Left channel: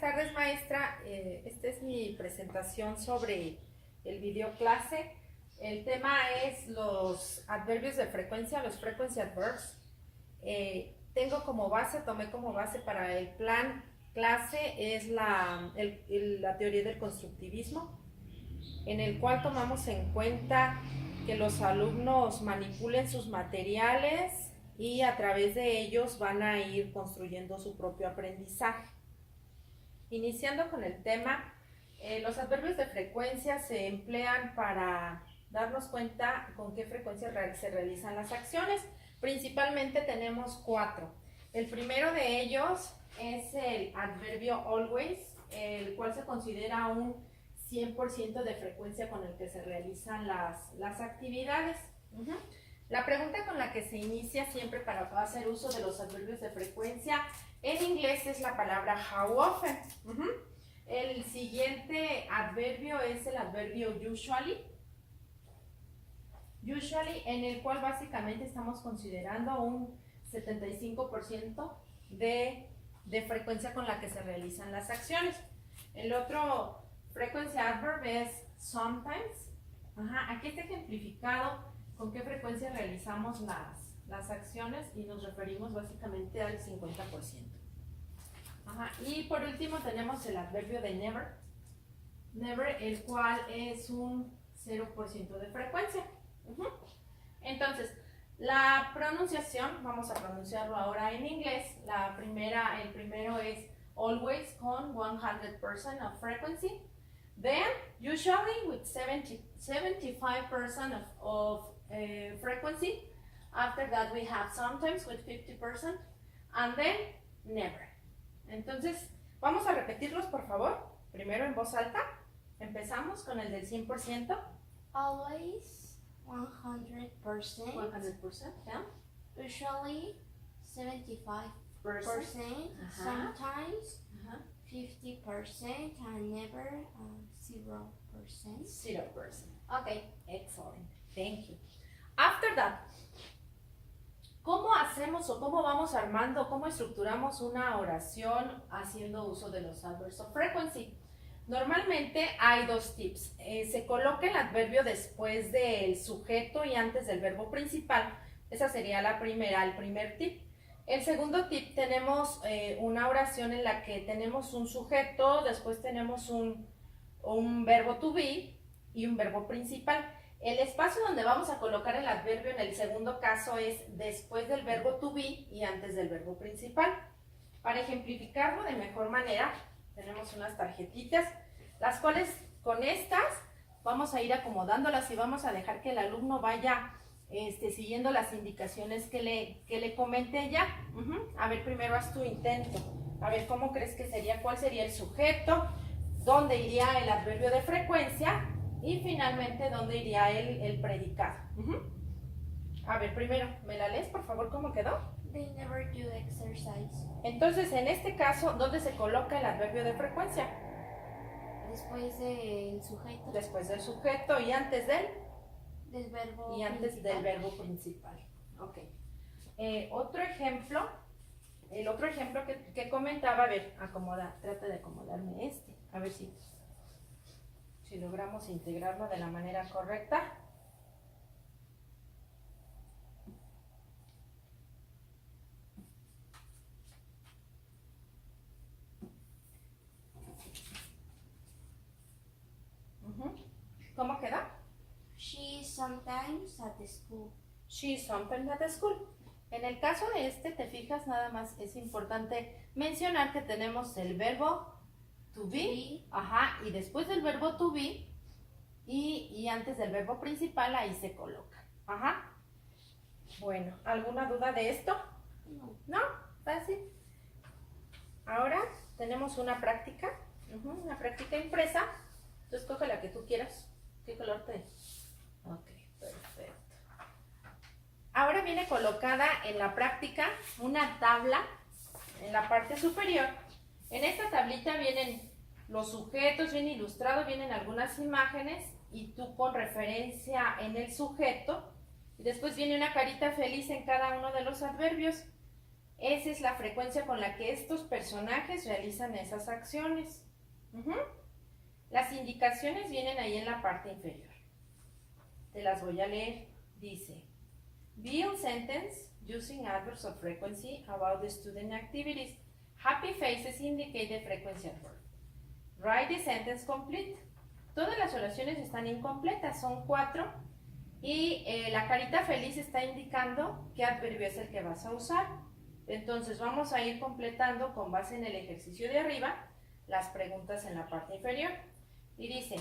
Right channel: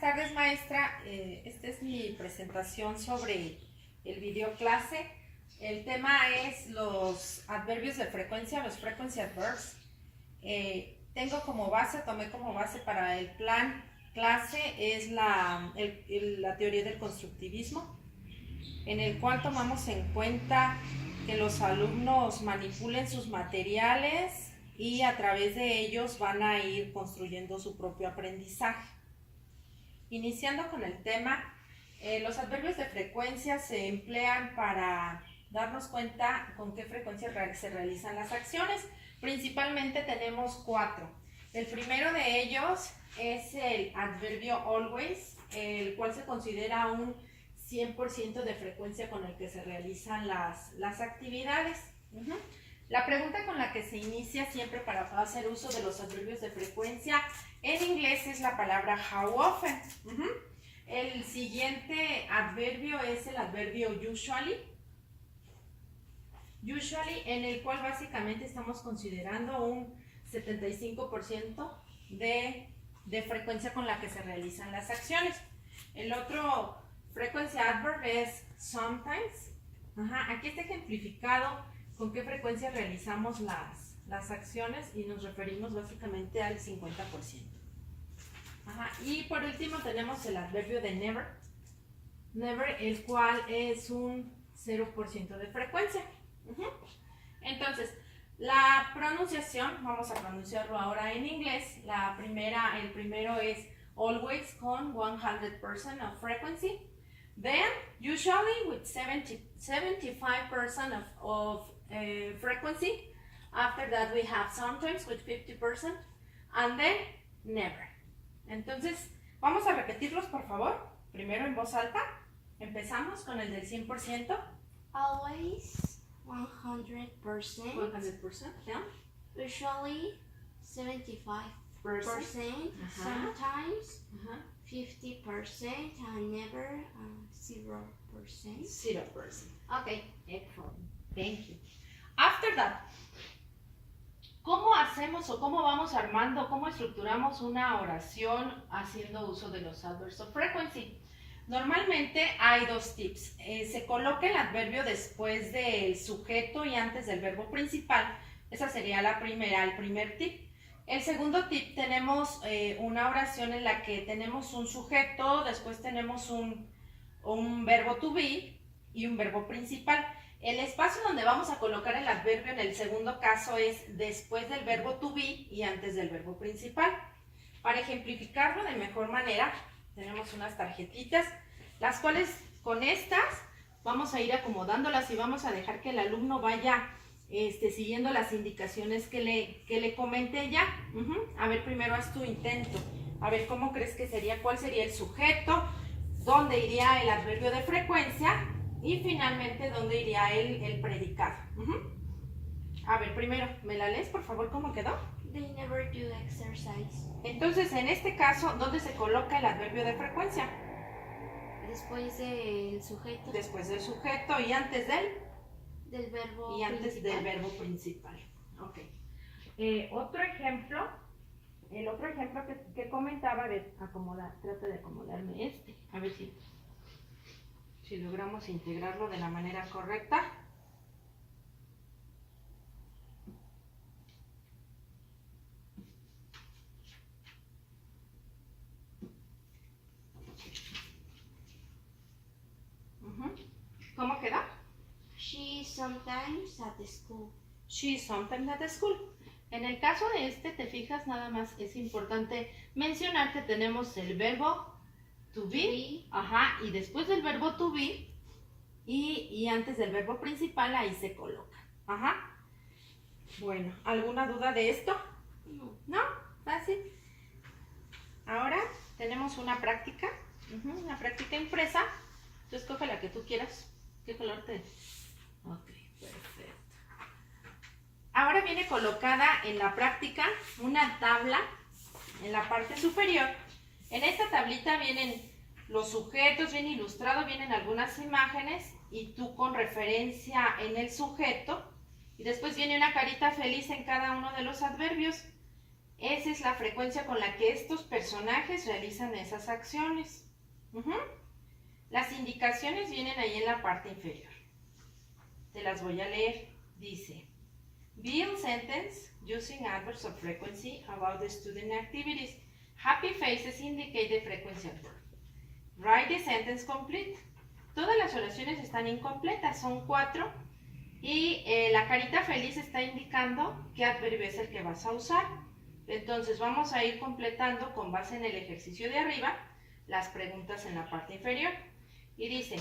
Buenas tardes, maestra. Esta es mi presentación sobre el video clase. El tema es los adverbios de frecuencia, los frequency adverbs. Tomé como base para el plan clase es la teoría del constructivismo, en el cual tomamos en cuenta que los alumnos manipulen sus materiales y a través de ellos van a ir construyendo su propio aprendizaje. Iniciando con el tema, los adverbios de frecuencia se emplean para darnos cuenta con qué frecuencia se realizan las acciones. Principalmente tenemos 4. El primero de ellos es el adverbio always, el cual se considera un 100% de frecuencia con el que se realizan las actividades. La pregunta con la que se inicia siempre para hacer uso de los adverbios de frecuencia en inglés es la palabra how often. El siguiente adverbio es el adverbio usually. Usually, en el cual básicamente estamos considerando un 75% de frecuencia con la que se realizan las acciones. El otro frequency adverb es sometimes. Aquí está ejemplificado con qué frecuencia realizamos las acciones y nos referimos básicamente al 50%. Y por último tenemos el adverbio de never. Never, el cual es un 0% de frecuencia. Entonces, la pronunciación, vamos a pronunciarlo ahora en inglés. El primero es always con 100% of frequency. Then, usually with 75% of frequency. After that, we have sometimes with 50%. And then, never. Entonces, vamos a repetirlos, por favor. Primero en voz alta. Empezamos con el del 100%. Always 100%. 100%, yeah. Usually 75%. Sometimes 50% and never 0%. 0%. Okay, excellent. Thank you. After that, ¿cómo hacemos o cómo vamos armando, cómo estructuramos una oración haciendo uso de los adverbs of frequency? Normalmente hay 2 tips. Se coloca el adverbio después del sujeto y antes del verbo principal. Esa sería el primer tip. El segundo tip, tenemos una oración en la que tenemos un sujeto, después tenemos un verbo to be y un verbo principal. El espacio donde vamos a colocar el adverbio en el segundo caso es después del verbo to be y antes del verbo principal. Para ejemplificarlo de mejor manera, tenemos unas tarjetitas, las cuales con estas vamos a ir acomodándolas y vamos a dejar que el alumno vaya siguiendo las indicaciones que le comenté ya. A ver, primero haz tu intento. A ver, ¿cómo crees que sería? ¿Cuál sería el sujeto? ¿Dónde iría el adverbio de frecuencia? Y finalmente, ¿dónde iría el predicado? A ver, primero, ¿me la lees, por favor, cómo quedó? They never do exercise. Entonces, en este caso, ¿dónde se coloca el adverbio de frecuencia? Después del sujeto. Después del sujeto y antes del verbo del verbo principal. Ok. El otro ejemplo que comentaba, a ver, trata de acomodarme a ver si logramos integrarlo de la manera correcta. ¿Cómo queda? She is sometimes at the school. She is sometimes at the school. En el caso de te fijas, nada más es importante mencionar que tenemos el verbo to be, y después del verbo to be y antes del verbo principal, ahí se coloca. Bueno, ¿alguna duda de esto? No. ¿No? Fácil. Ahora tenemos una práctica impresa. Tú escoge la que tú quieras. ¿Qué color te...? Ok, perfecto. Ahora viene colocada en la práctica una tabla en la parte superior. En esta tablita vienen los sujetos, viene ilustrado, vienen algunas imágenes y tú con referencia en el sujeto y después viene una carita feliz en cada uno de los adverbios. Esa es la frecuencia con la que estos personajes realizan esas acciones. Ujú. Las indicaciones vienen ahí en la parte inferior. Te las voy a leer. Dice, build sentence using adverbs of frequency about the student activities. Happy faces indicate the frequency of verb. Write the sentence complete. Todas las oraciones están incompletas, son 4. Y la carita feliz está indicando qué adverbio es el que vas a usar. Entonces vamos a ir completando con base en el ejercicio de arriba las preguntas en la parte inferior. Y dice,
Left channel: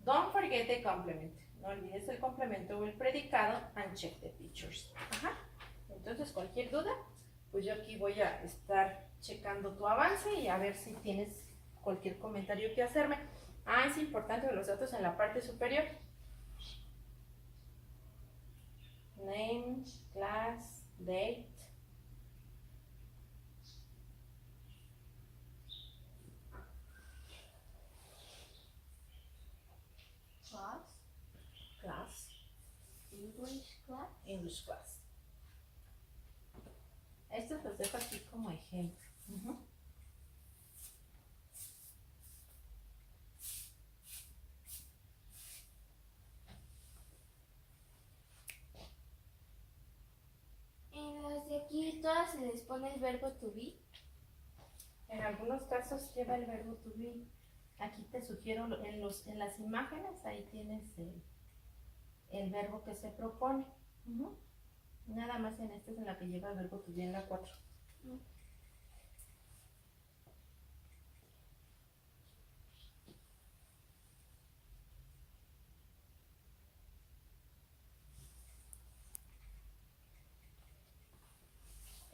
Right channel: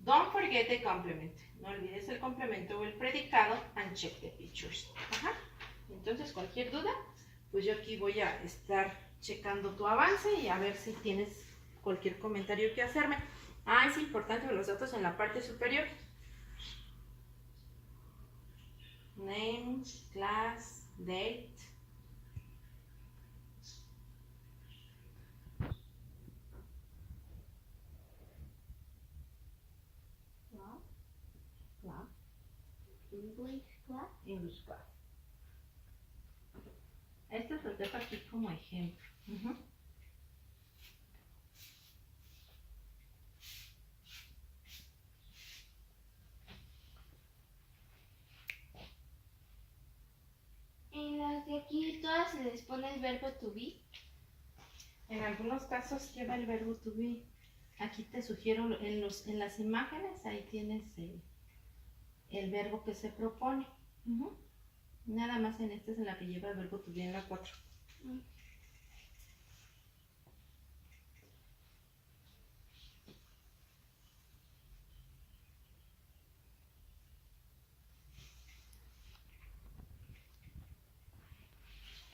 don't forget the complement. No olvides el complemento o el predicado and check the pictures. Ajá. Entonces cualquier duda, pues yo aquí voy a estar checando tu avance y a ver si tienes cualquier comentario que hacerme. Es importante los datos en la parte superior. Name, class, date. Class. English class. Estos los dejo aquí como ejemplo. Uh-huh. En las de aquí todas se les pone el verbo to be. En algunos casos lleva el verbo to be. Aquí te sugiero en las imágenes, ahí tienes el verbo que se propone. Uh-huh. Nada más en esta es en la que lleva el verbo to be en la 4.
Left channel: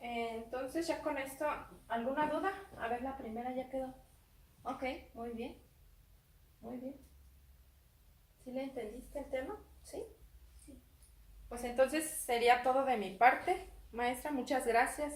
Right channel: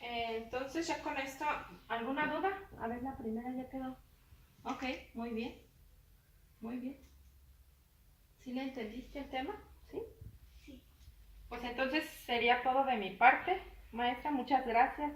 Entonces ya con esto, ¿alguna duda? A ver, la primera ya quedó. Ok, muy bien. Muy bien. ¿Sí le entendiste el tema? ¿Sí? Sí. Pues entonces sería todo de mi parte. Maestra, muchas gracias.